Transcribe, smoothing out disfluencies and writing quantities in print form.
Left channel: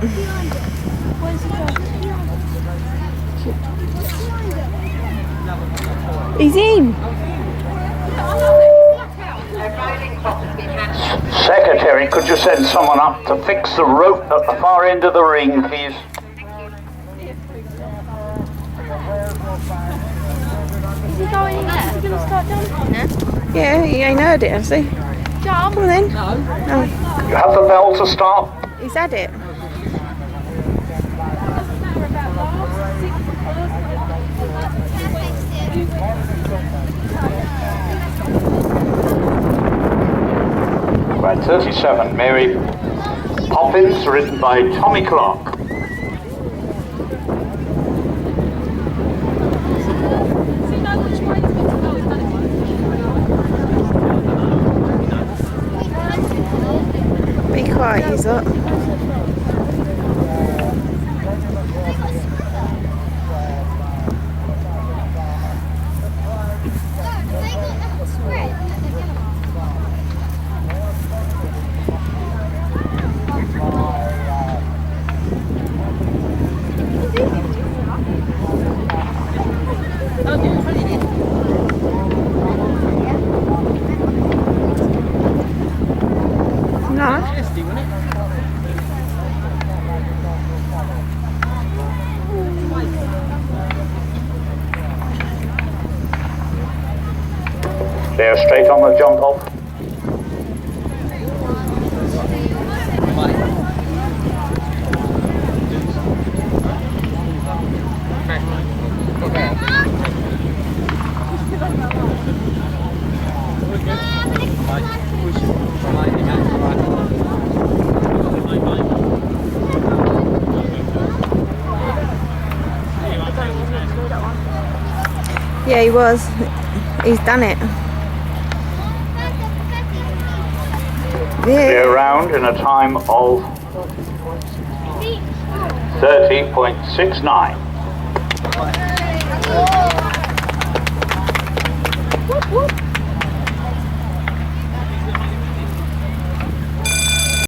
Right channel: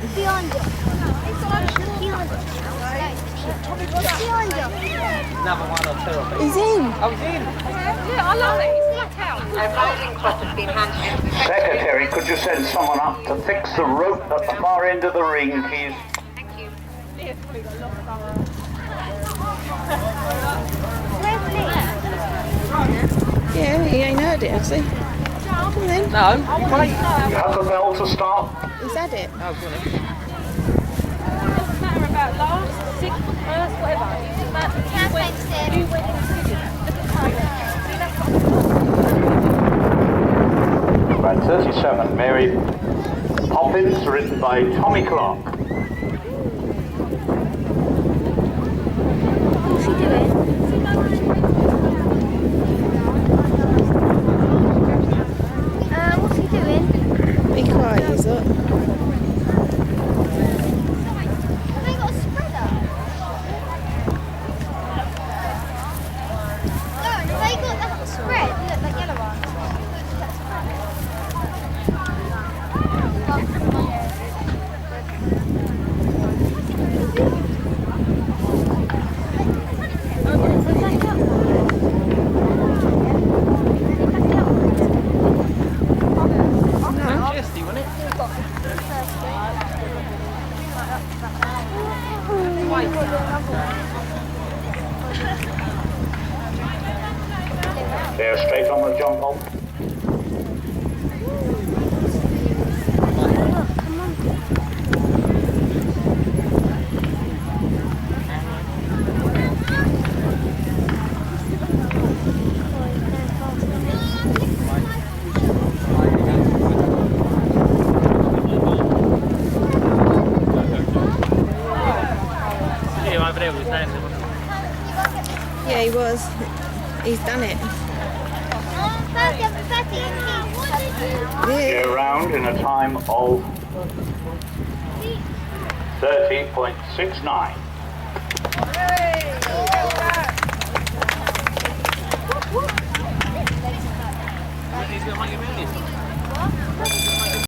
behind it? What's behind it? He's in. I love it. Secretary, could you send someone up to fix the rope at the far end of the ring, please? Yeah, he ain't heard it, has he? Come on then. No. You have the bell to start? He's had it. Doesn't matter about last, 6th, 1st, whatever. Right, 37, Mary Poppins, written by Tommy Clarke. What's he doing? What's he doing? Be quiet, he's up. Have they got a spreader? No, have they got that spread? Look, that yellow one. No. Tasty, wasn't it? They're straight on the jump off. Yeah, he was. He's done it. They're Yeah. around in a time of 30.69.